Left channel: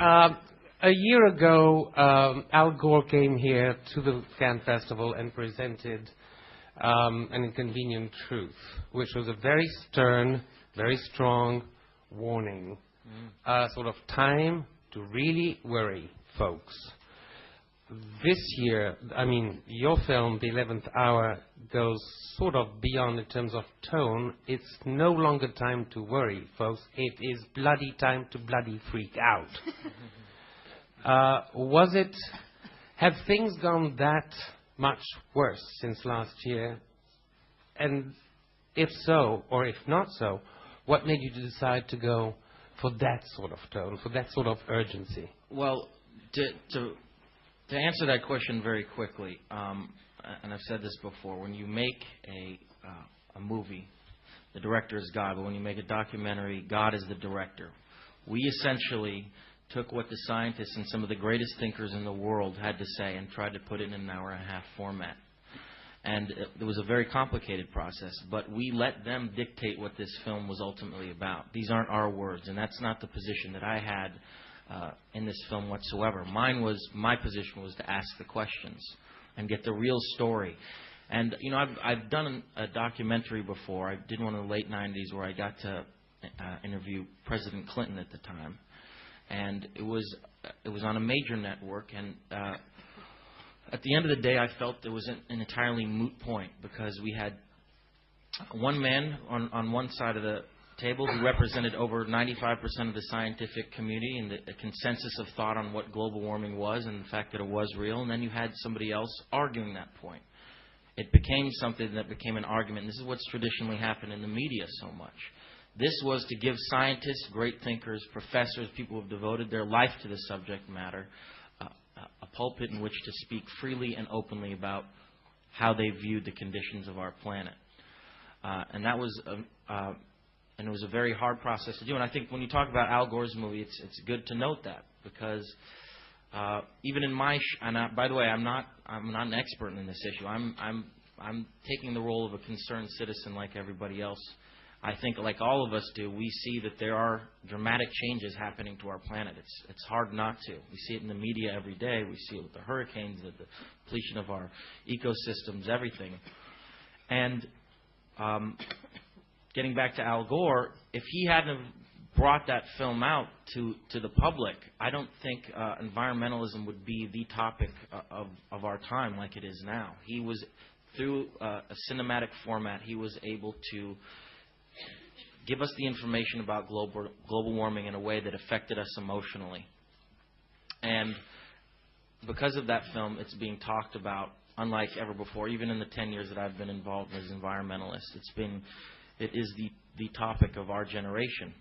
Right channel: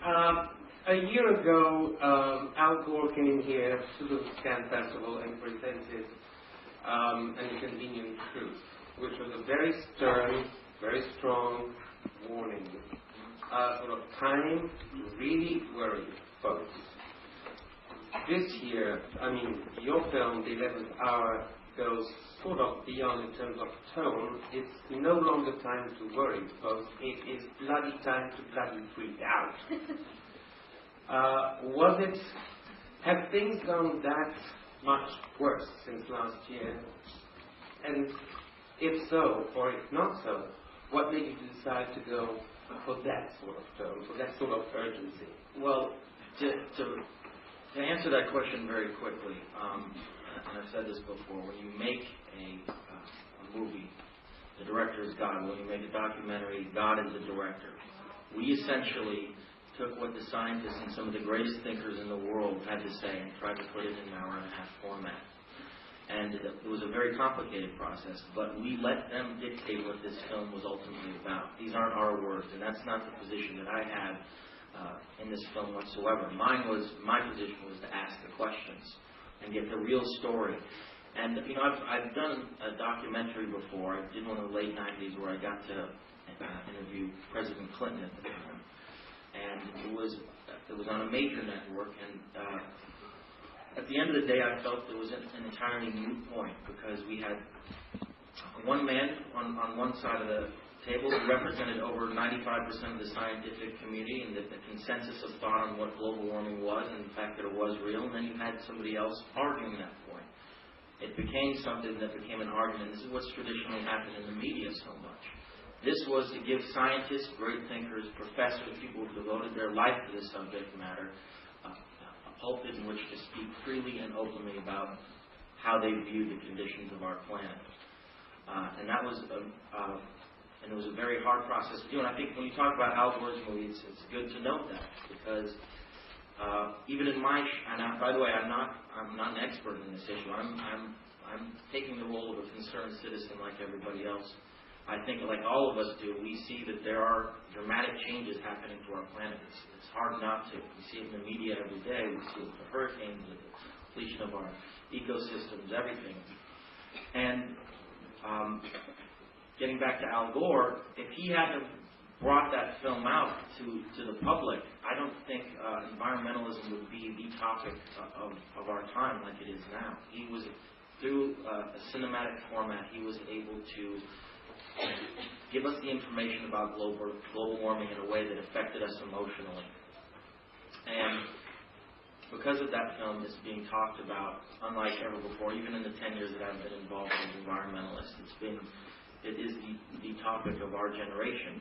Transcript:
A year ago, Al Gore came here to the Cannes Festival and presented An Inconvenient Truth, which was a very stern, very strong warning. Sort of time to really worry, folks. This year, I mean, your film, The 11th Hour, goes sort of beyond in terms of tone. It's no longer time to worry, folks. It is bloody time to bloody freak out. Have things gone that much worse since last year? And if so, or if not so, what made you decide to go for that sort of tone, for that sort of urgency? Well, to answer that question very quickly, and I've said this before, when you make a movie, the director is God. When you make a documentary, God is the director. We essentially took what the scientists and some of the greatest thinkers in the world had to say and tried to put it in an hour-and-a-half format. And it was a very complicated process, but we let them dictate what this film was ultimately about. These aren't our words, and that's not the position that I had in this film whatsoever. My position was to ask the questions and get the real story. And, you know, I've done a documentary before. I did one in the late 90s where I got to interview President Clinton at the time. And it was on a major network, and at the end of the day, I felt it was an entirely moot point because we had one man on one side of the table who represented over 95% of the scientific community and the consensus of thought on what global warming was and the fact that it was real, and then you had somebody else arguing that point. It became something that became an argument. This is what's traditionally happened in the media so much. This was to give scientists, great thinkers, professors, people who have devoted their life to the subject matter, a pulpit in which to speak freely and openly about how they viewed the conditions of our planet. And that was and it was a very hard process to do. And I think when you talk about Al Gore's movie, it's good to note that because even in my by the way, I'm not an expert in this issue. I'm taking the role of a concerned citizen like everybody else. I think, like all of us do, we see that there are dramatic changes happening to our planet. It's hard not to. We see it in the media every day. We see it with the hurricanes, the depletion of our ecosystems, everything. And getting back to Al Gore, if he hadn't brought that film out to the public, I don't think environmentalism would be the topic of our time like it is now. He was, through a cinematic format, he was able to give us the information about global warming in a way that affected us emotionally. And because of that film, it's being talked about unlike ever before. Even in the 10 years that I've been involved as an environmentalist, it is the topic of our generation.